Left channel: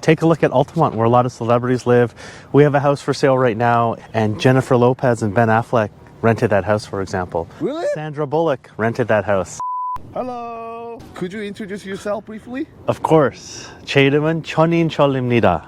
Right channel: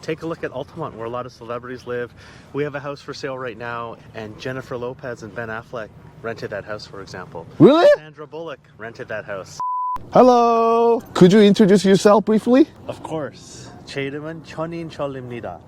take a look at Altamont, where a lot of celebrities live. We have a house for sale right now, and Jennifer Lopez and Ben Affleck rented that house, for example. Really? Sandra Bullock rented that house. Hello. Could you introduce yourself briefly? Of course. 제 이름은 천인철입니다.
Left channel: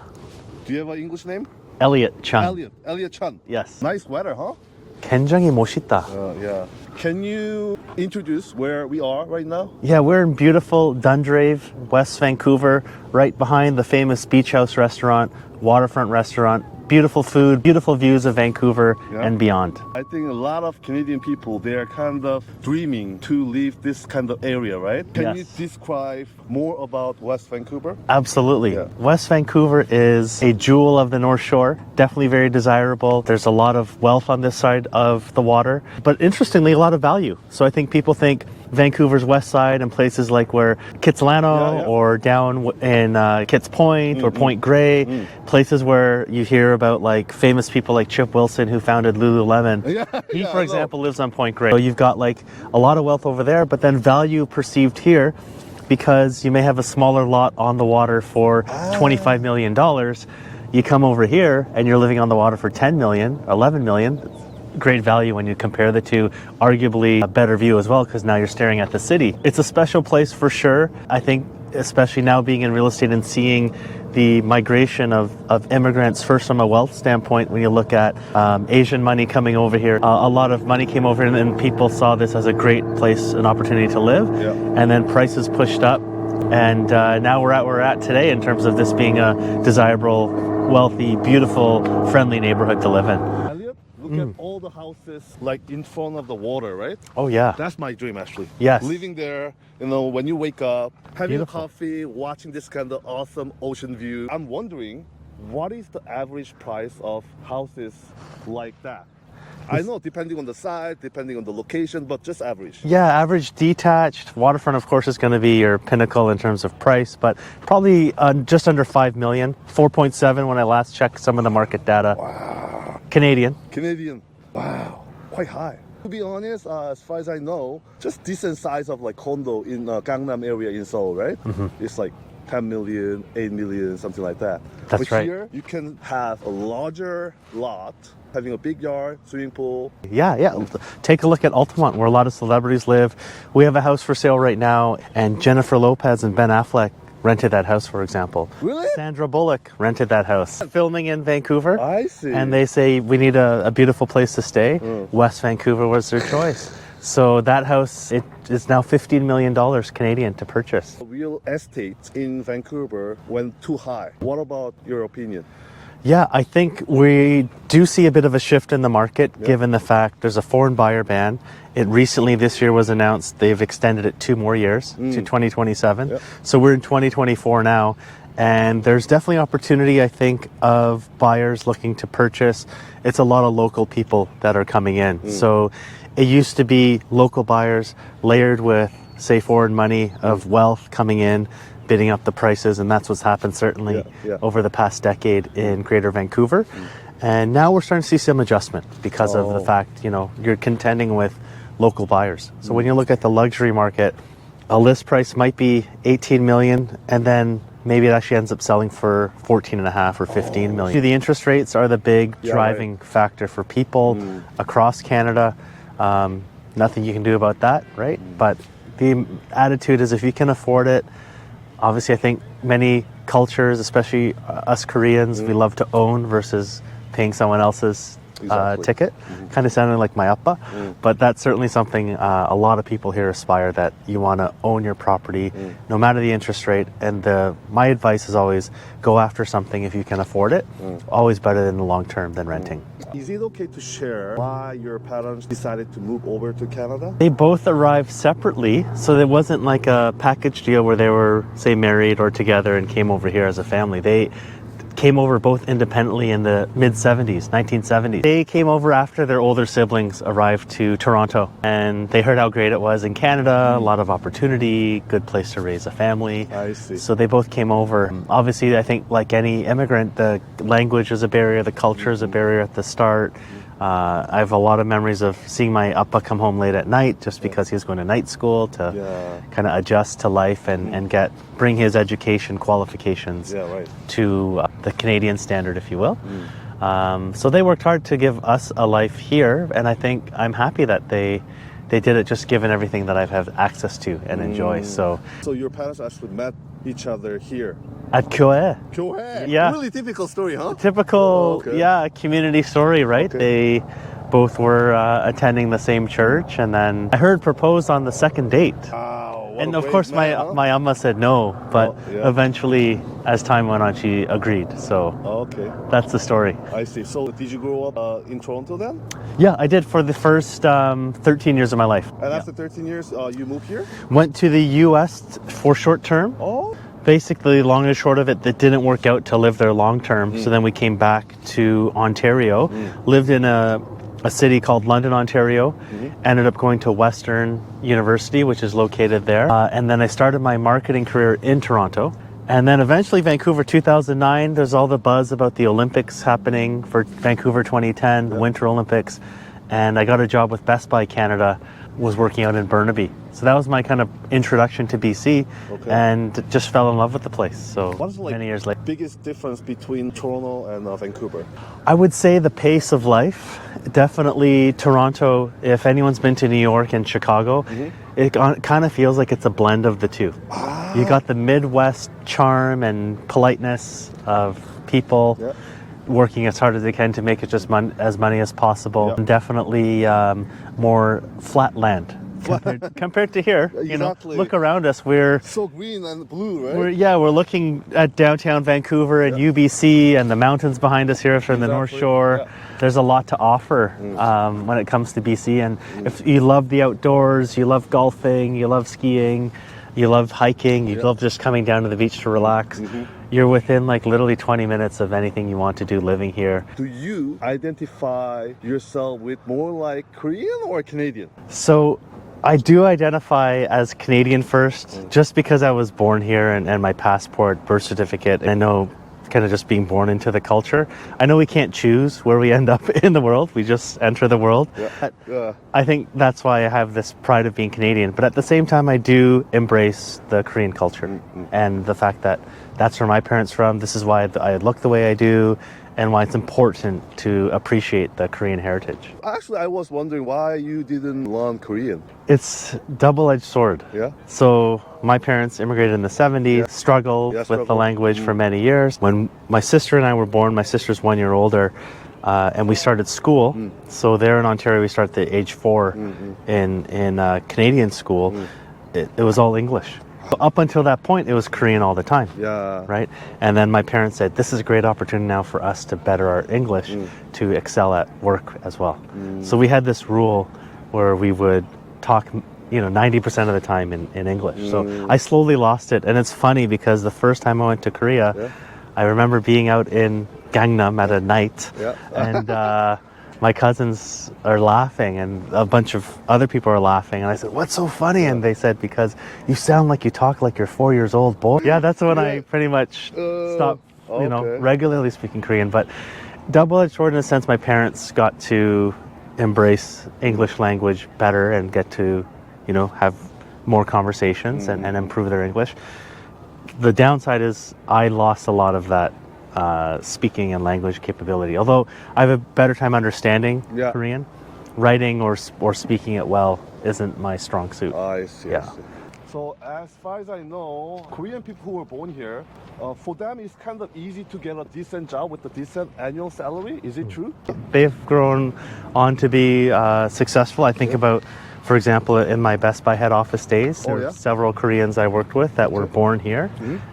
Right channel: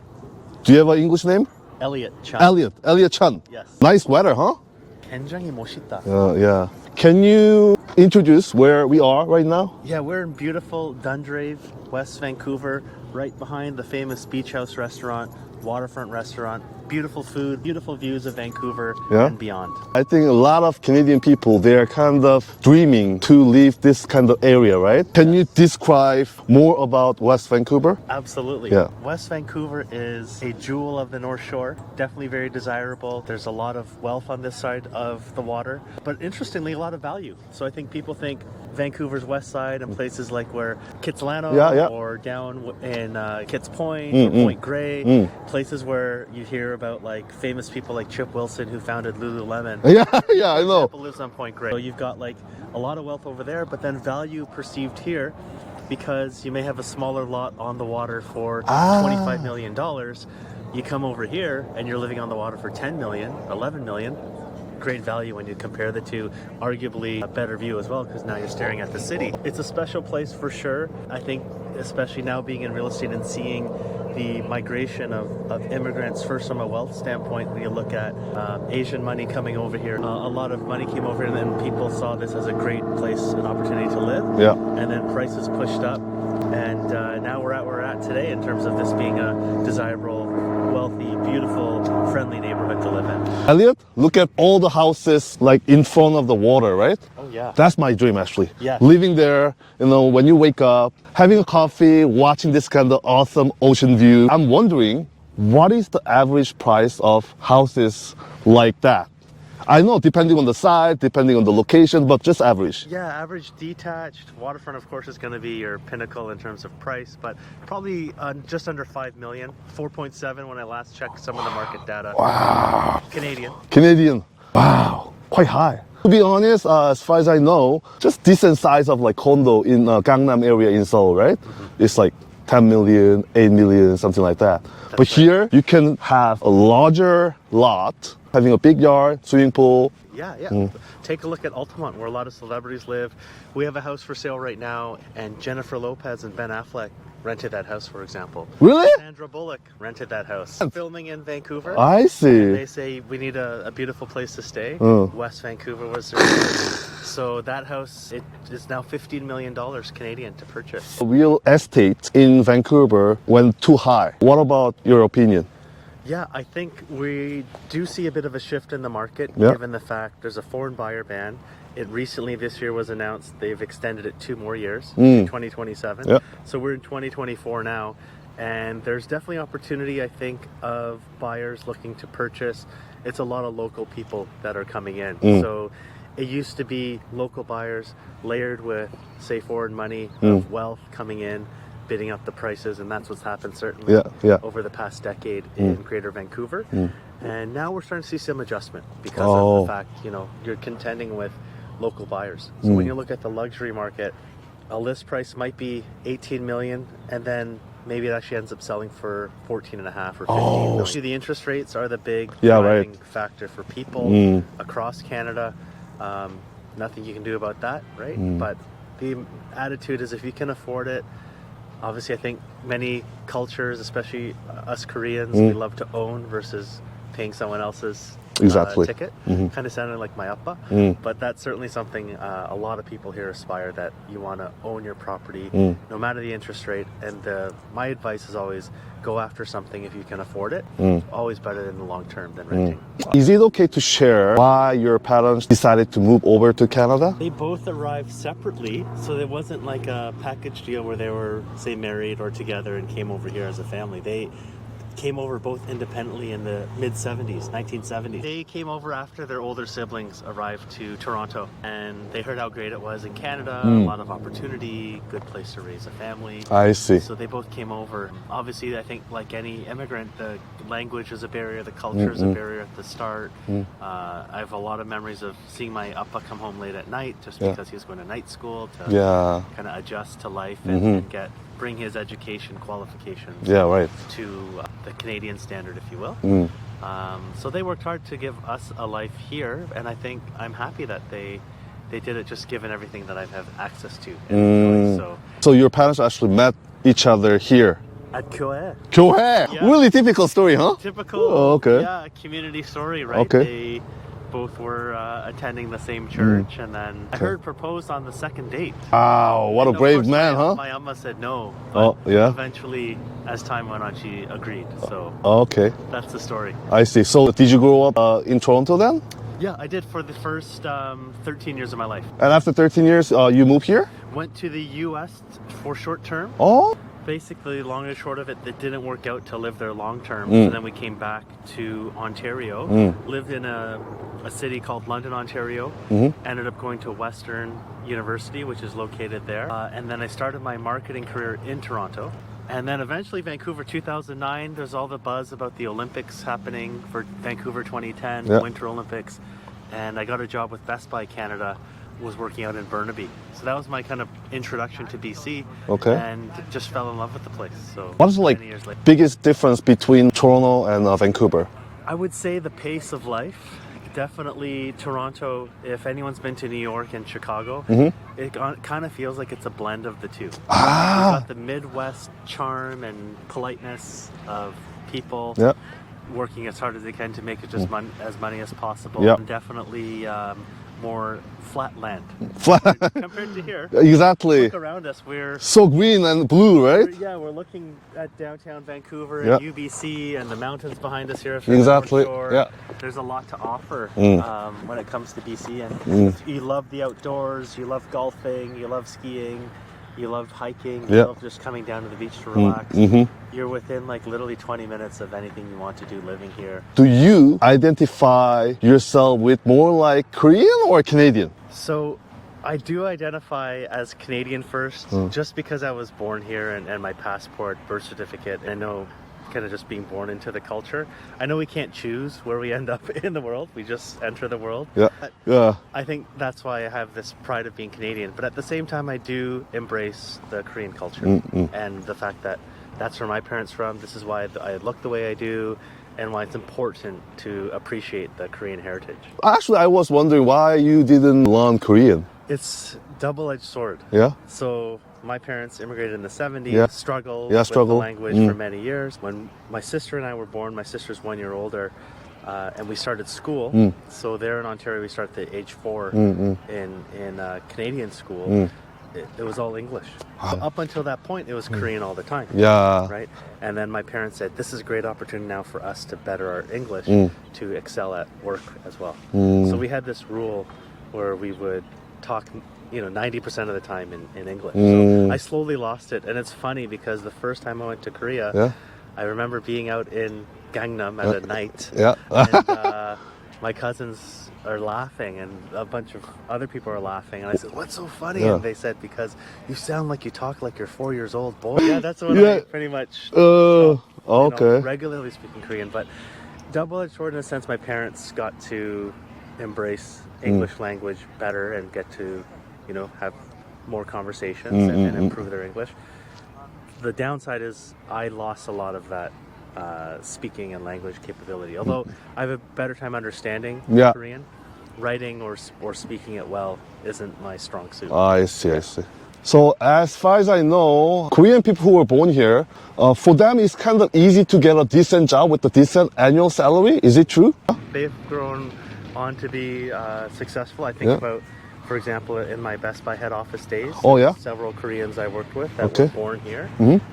Do you have an English name? Elliot Chun. Elliot Chun. Yes. Nice weather, huh? 굉장히 멋있다. Yeah. Can you introduce where we are right now? Yeah, we're in beautiful Dundrave, West Vancouver, right behind the famous Beach House restaurant, waterfront restaurant. Beautiful food, beautiful views of Vancouver and beyond. I think a lot of Canadian people, they're kind of dreaming to leave this kind of area, right? Can you describe more about West Vancouver? Absolutely. Yeah. West Vancouver is a jewel of the North Shore, definitely very desirable. There's a lot of wealth on this side of the water, but interestingly, a lot of value. So I think people think Vancouver's west side and places like where Kitsilano or down in Kitts Point or Point Grey, places where you hear about like famous people like Chip Wilson who founded Lululemon. He, for example, lives on Point Grey. So you've got like a lot of wealth over there, but then value perceived here because you may have a smaller lot on the water for $25 million. You come over here and you're living on the water for 10 million, 11 million. Great value when you compare the two, arguably a better view as well because now you're staring at the city. It's a special place for sure. I think especially now being in real estate and seeing the migration of immigrants, first from a wealth standpoint, when you look at Asian money coming over here, a lot of money came over and then people saw this as a great place, an opportunity to live. Yeah. And then prices pushed up. And now we're at where we're at today in terms of this being a desirable, wealthy, beautiful, friendly neighborhood to live in. Elliot, look at all the houses like in front of the water, right? Oh yeah. That's my dream actually. Yes. Living there, you know, when you wake up, having a coffee, watching this kind of awesome ocean view. I'm wondering, what is the average price of houses like that? I know, depending on the site, depending on the location, but just average. Yeah, average detached. Waterfront, of course, is going to be your pinnacle in terms of price, but probably just under 5 million, 4.7 when I last checked some of the market data. Wow. Canadian. Wow, quite high. To be honest, as far as I know, just decent size of like condo in Gangnam area in Seoul, right? It's like 10 million, 8 million, something like that. That's but right. here, you can have a larger lot, having a big yard, swimming pool. Yeah. Take a look at Altamont, where a lot of celebrities live. We have a house for sale right now, and Jennifer Lopez and Ben Affleck rented that house, for example. Really? Sandra Bullock rented that house. Filming in Vancouver. I see. And they say, we need a beautiful place to stay. West Vancouver was their choice. So that house, it is now $15 million Canadian to purchase. Real estate in Vancouver went too high. What about your opinion? Yeah, I think we do see a bit of a shift in the market, given the fact there's a foreign buyer ban. It recently, this year was announced, they've extended it 2 more years to 2027. So we're in 2024 now. And there's definitely opportunity, I think, of buyers looking to purchase. It's a lot of local people that are coming in. So it used to be local buyers layered with, say, foreign money of wealth coming in, bidding up the prices, and that's what's happened certainly over the past decade in Greater Vancouver. And now we're starting to see some adjustment because of the fact, you know, you're contending with local buyers. So when you look at the luxury market, a list price might be 18 million, and then maybe it actually ends up selling for 14.5 or 15 million. See, the interest rates are the big driving factor for people across Canada. Nothing you can do about that, right? But the attitude is if you can afford it, obviously, I think many cultures, especially us Koreans, we love to own versus paying someone else's ticket. Kind of sounding like my appa. But that's certainly something a lot of people here aspire, that you want to own your property no matter the interest rate. And my advice is always go after something if you can afford it. Always better in the long term than renting. Is it okay to share why your parents decided to move over to Canada? They both arrived separately, so it wasn't like a package deal where they were, say, married or together and came over here as a family. came over both independently in the mid-70s, 1970s. They came over after their older siblings arrived to Toronto, and they heard how great it was in Canada, a lot of opportunity, good place to raise a family. I see. So they both came over. Obviously, I think like any immigrant, the language is a barrier, the culture is a barrier at the start. I have a lot of memories of seeing my appa come home late at night just because he was going to night school to kind of adjust to life and bring his education qualifications to the Canadian standard, if you will. So they worked hard to give us a life here, and I think I'm happy that they did it just given everything that I've had access to and enjoy. So your parents actually met each other here? At 교회. 교회! Yeah. Really typical story, huh? Typical, community story, right? They both were attending the same church, and then I heard proposed on the second date. Wow, what And a of brave course, man, huh? my amma said no, but eventually, as time went on, she agreed. So Okay, that's the story. I see. So did you grow up in Toronto then? Yeah, I did for the first 13 years of my life. And after 13 years, you moved here? Went to the U.S. for short term. Oh, Basically, long and short of it, that didn't work out to live there long term. So then we came back to Ontario, lived in a city called London, Ontario, ended up going to Western University, which is located there. And then I started my marketing career in Toronto. And then eventually Vancouver 2009, there's all the buzz about the Olympics happening for Vancouver 2010, Winter Olympics. And I got a job with Best Buy Canada, was working out in Burnaby. So that was my kind of introduction to BC, and just fell in love with the place. So what is many years later. biggest difference between Toronto and Vancouver? I would say the pace of life. Definitely Toronto, if anyone's been to New York and Chicago, it kind of feels like it's a blend of the two. You got the Midwest charm and politeness of people working as hard as they can to make it just as money as possible. And definitely more flat land compared to here. Exactly. Look around us. We're so green and blue, right? we're looking at downtown Vancouver and UBC and the mountains behind us here from the North Shore. There's a lot to offer when it comes to BC. And if you love the outdoors, you love golfing, you love skiing, you love hiking, you love just coming down to the beach to relax, you're within like literally 20 minutes of anything you want to do living here. Do you identify yourself with more like Korean or Canadian? So I do identify as Canadian first, just because I was born here and my passport, birth certificate, and I know kind of just being born into the culture. I know we can't choose where we end up in the world. We just enter the world. I think that's why I have this pride of being Canadian. But at the same time, I do embrace the Korean culture and the fact that that's where my parents are from. This is why I look the way I do, and why it's important to appreciate the Korean heritage. Actually, I was wondering why you didn't learn Korean. It's double-edged sword. So my parents immigrated in the 70s, struggled with the language for many years. When my sister and I were born, my sister's 1 year older, and we started school. So there in Ontario, we start at age 4 in Canadian school. It was all English. So up until that point, it was Korean all the time. Right? And then my parents said, this is a great opportunity now for us to better our English, to excel at work as well. So we had this rule where we would talk 90% of the time in English. So I slowly lost it. And it's funny because the first time I went to Korea, I remember being out in Gangnam at a night. And my cousins are laughing and a bunch of other people are laughing. And I said, what's so funny? And they said, because you sound like you talk like you're 4 years old, boy. That's when I pretty much stopped regularly speaking Korean. But double-edged sword in a sense, my parents got to embrace English language better and get to have more conversations and improve their English. The downside is I lost a lot of that speaking and language capability. Although I have a better time understanding Korean, writing or speaking it well isn't my strong suit. I see. So as far as I know, Korean people who were born here, for them it's kind of easy to get a decent job with a decent annual salary. Is it true? They've grown on to be successful. I think about, for example, in my Best Buy head office days, several Koreans I worked with that were born here.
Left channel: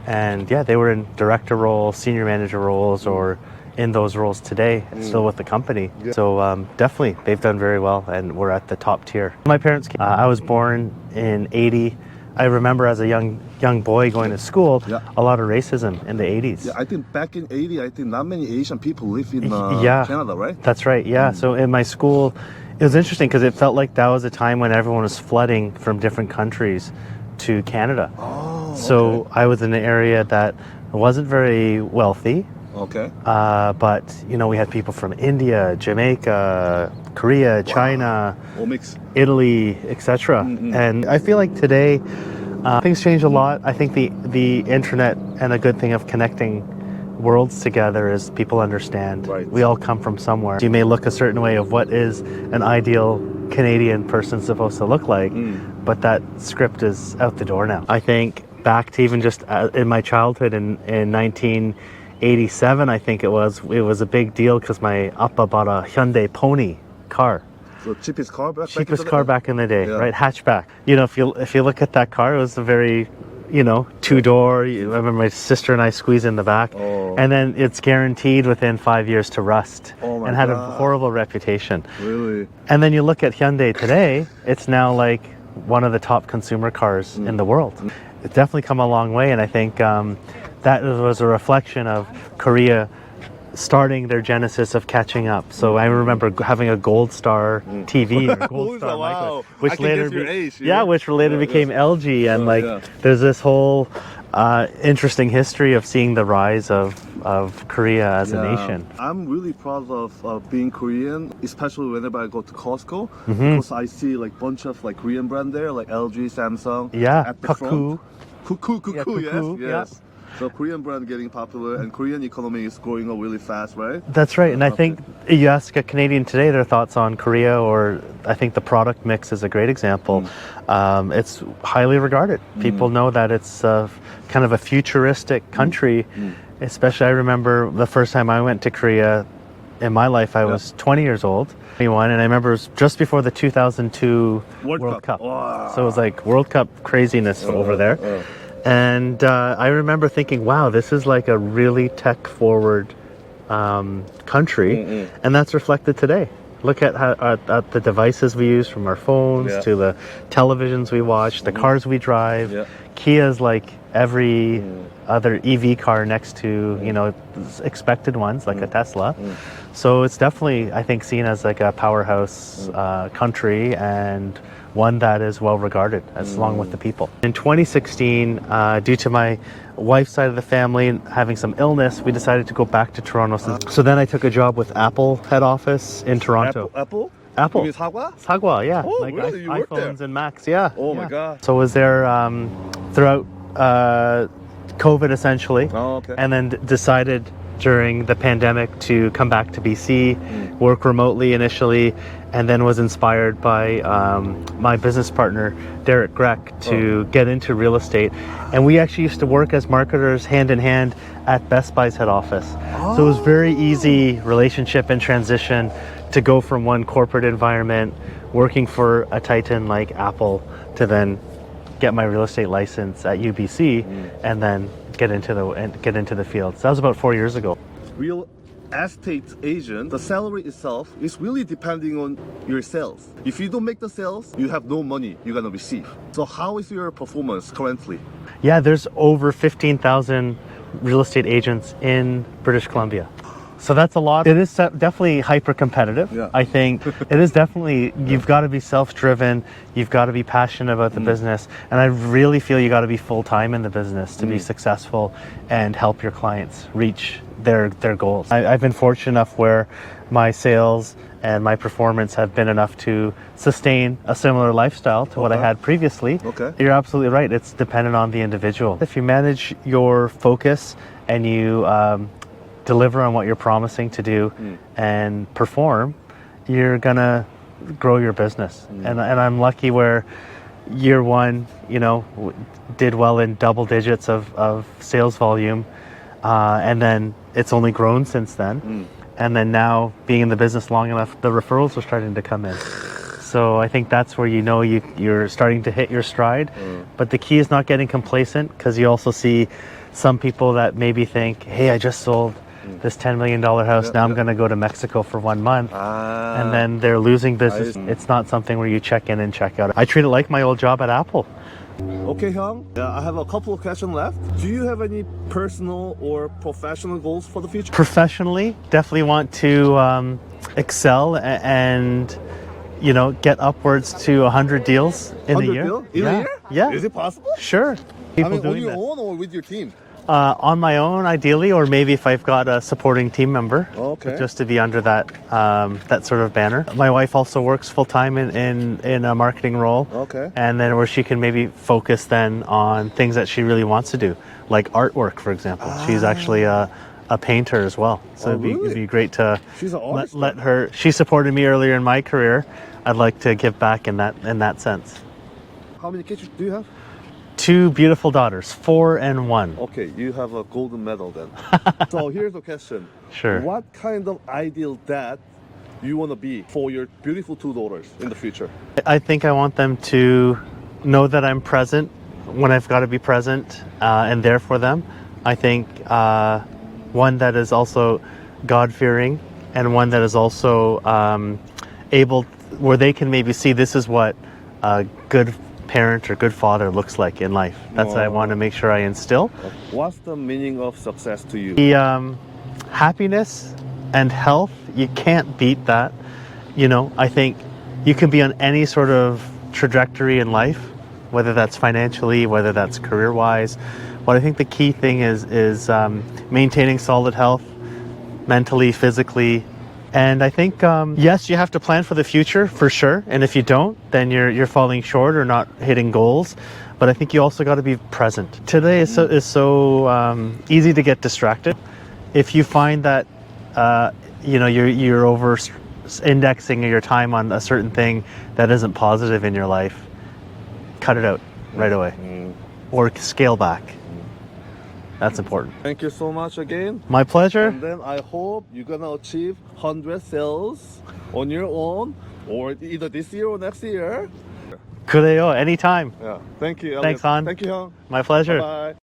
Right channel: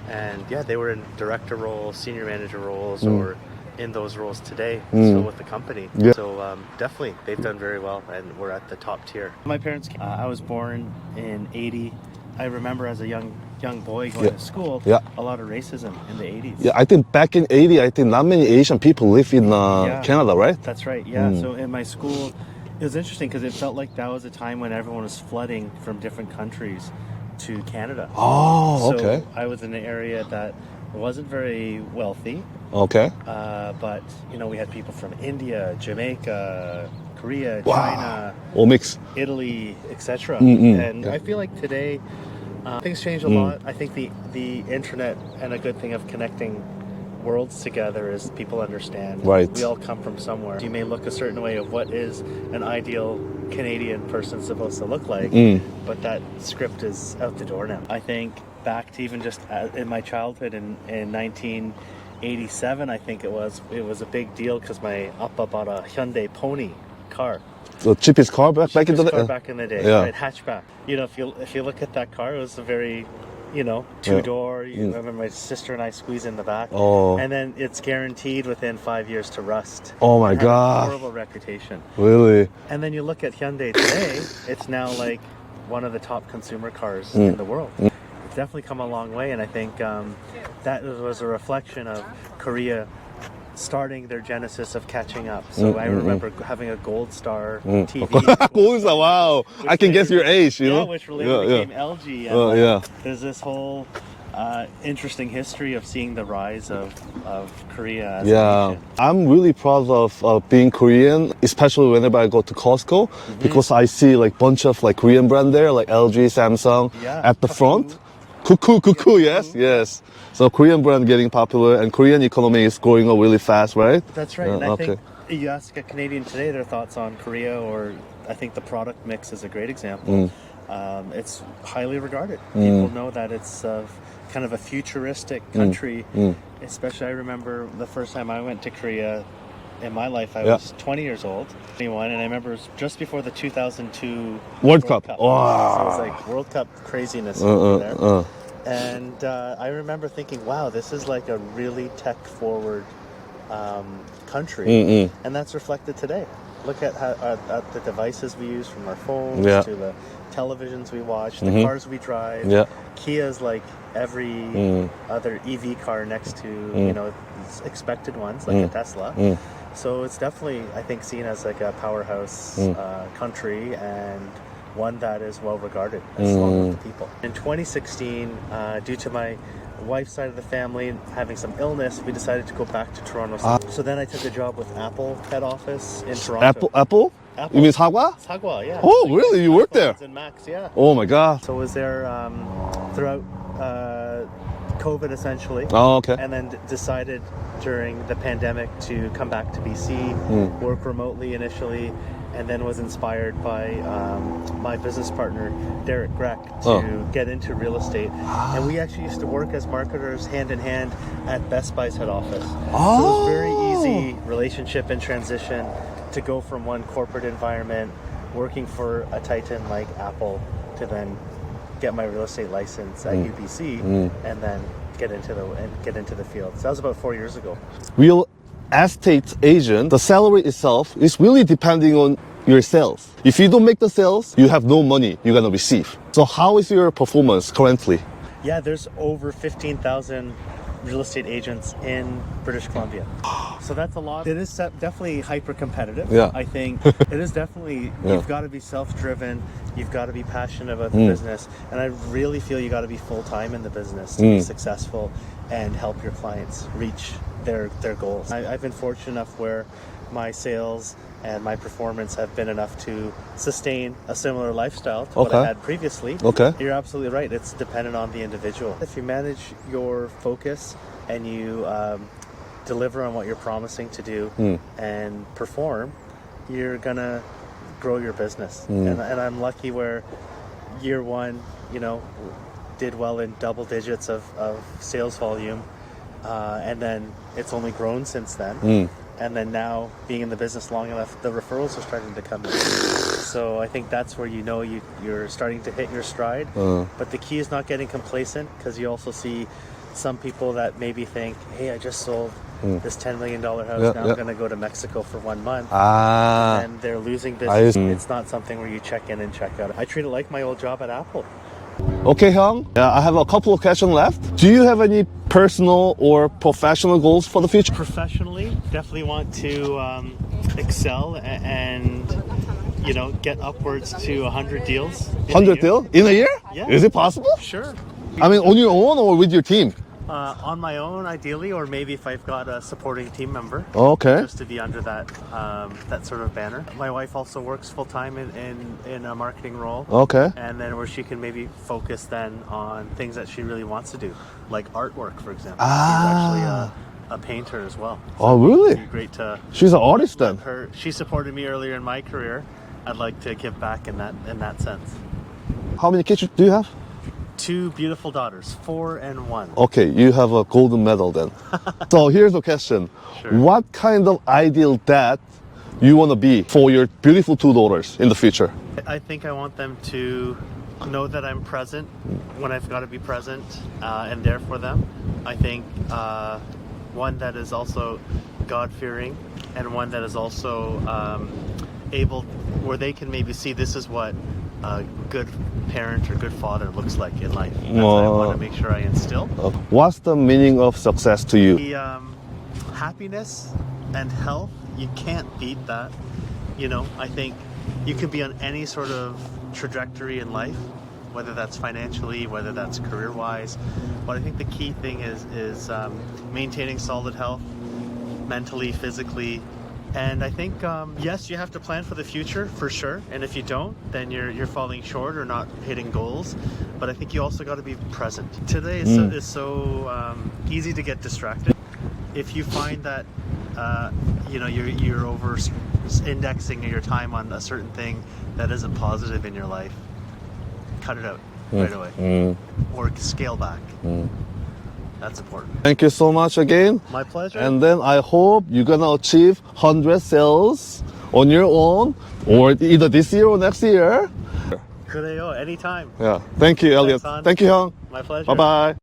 And they were in director roles, senior manager roles, or in those roles today, and still with the company. So definitely, they've done very well, and we're at the top tier. My parents, I was born in 80. I remember as a young boy going to school, a lot of racism in the 80s. Yeah, I think back in 80, I think not many Asian people live in Canada, right? That's right, yeah. So in my school, it was interesting because it felt like that was a time when everyone was flooding from different countries to Canada. Oh, So okay. I was in an area that wasn't very wealthy, Okay. but you know, we had people from India, Jamaica, Korea, China, All mixed. Italy, etc. And I feel like today things change a lot. I think the internet and a good thing of connecting worlds together is people understand. Right. We all come from somewhere. You may look a certain way of what is an ideal Canadian person supposed to look like, but that script is out the door now. I think back to even just in my childhood in 1987, I think it was a big deal because my Appa bought a Hyundai Pony car. The cheapest car back in the Cheapest day? car back in the day, right? Hatchback. You know, if you look at that car, it was a very, you know, two-door. I remember my sister and I squeeze in the back. Oh. And then it's guaranteed within 5 years to rust. Oh my and had God. a horrible reputation. Really? And then you look at Hyundai today, it's now like one of the top consumer cars in the world. It's definitely come a long way, and I think that was a reflection of Korea starting their genesis of catching up. So I remember having a Gold Star TV. or Gold Star, Michael, wow. which I can later guess your age. You know? which later became LG. And there's this whole interesting history of seeing the rise of Korea as a nation. I'm really proud of being Korean, especially whenever I go to Costco, because I see like bunch of like Korean brand there, like LG, Samsung, at the front. Cuckoo, yes. So Korean brand getting popular, and Korean economy is growing up really fast, right? That's right, and I think you ask a Canadian today their thoughts on Korea, or I think the product mix is a great example. It's highly regarded. People know that it's kind of a futuristic country. Especially, I remember the first time I went to Korea in my life, I was 20 years old. 21, and I remember it was just before the 2002 World Cup. Wow. So it was like World Cup craziness over there. And I remember thinking, wow, this is like a really tech-forward country, and that's reflected today. Look at at the devices we use, from our phones to the televisions we watch, the cars we drive. Kia's like every other EV car next to you know expected ones like a Tesla. So it's definitely, I think, seen as like a powerhouse country, and one that is well regarded along with the people. In 2016, due to my wife's side of the family having some illness, we decided to go back to Toronto. So then I took a job with Apple head office in Toronto. Apple? Apple. You mean Sagwa? Sagwa, yeah. Oh, really? You worked there? iPhones and Macs, yeah. Oh my God. So I was there throughout COVID essentially. Oh, okay. And then decided during the pandemic to come back to BC, work remotely initially, and then was inspired by my business partner, Derek Greck, to get into real estate. And we actually used to work as marketers hand in hand at Best Buy's head office. So it was very easy relationship and transition to go from one corporate environment, working for a titan like Apple, to then get my real estate license at UBC, and then get into the field. So that was about 4 years ago. Real estate agent, the salary itself is really depending on your sales. If you don't make the sales, you have no money you're gonna receive. So how is your performance currently? Yeah, there's over 15,000 real estate agents in British Columbia. So that's a lot. It is definitely hyper competitive. Yeah. I think it is definitely, you've got to be self-driven, you've got to be passionate about the business, and I really feel you got to be full-time in the business to be successful and help your clients reach their goals. I've been fortunate enough where my sales and my performance have been enough to sustain a similar lifestyle to what I had previously. You're absolutely right. It's dependent on the individual. If you manage your focus and you deliver on what you're promising to do and perform, you're gonna grow your business. And I'm lucky where year one, you know, did well in double digits of sales volume, and then it's only grown since then. And then now, being in the business long enough, the referrals are starting to come in. So I think that's where you know you're starting to hit your stride. But the key is not getting complacent, because you also see some people that maybe think, hey, I just sold this $10 million house, now I'm going to go to Mexico for 1 month. And then they're losing business. It's not something where you check in and check out. I treat it like my old job at Apple. Okay, Hyung. Yeah, I have a couple of questions left. Do you have any personal or professional goals for the future? Professionally, definitely want to excel and get upwards to 100 deals in a 100 year. deal in a year? Yeah. Is it possible? Sure. I mean, People on doing your that. own or with your team? On my own, ideally, or maybe if I've got a supporting team member. Okay. Just to be under that that sort of banner. My wife also works full time in a marketing role. Okay. And then where she can maybe focus then on things that she really wants to do, like artwork, for example. She's actually a painter as well. So Oh, really? It'd be great to. She's an artist let then. her. She supported me earlier in my career. I'd like to give back in that sense. How many kids do you have? 2 beautiful daughters, 4 and 1. Okay, you have a golden medal then. So here's the question. Sure. What kind of ideal dad you want to be for your beautiful 2 daughters in the future? I think I want them to know that I'm present when I've got to be present and there for them. I think one that is also God-fearing and one that is also able, where they can maybe see this is what a good parent or good father looks like in life. That's what I want to make sure I instill. What's the meaning of success to you? The happiness and health, you can't beat that. I think you can be on any sort of trajectory in life, whether that's financially, whether that's career-wise. But I think the key thing is maintaining solid health, mentally, physically. And I think, yes, you have to plan for the future, for sure. And if you don't, then you're falling short or not hitting goals. But I think you also got to be present. Today is so easy to get distracted. If you find that, you're over indexing your time on a certain thing that isn't positive in your life, cut it out right away. Or scale back. That's important. Thank you so much again. My pleasure. And then I hope you're gonna achieve 100 sales on your own, or either this year or next year. 그래요, anytime. Yeah. Thank you, Elliot. Thanks, Han. Thank you, Hyung. My pleasure. Bye-bye.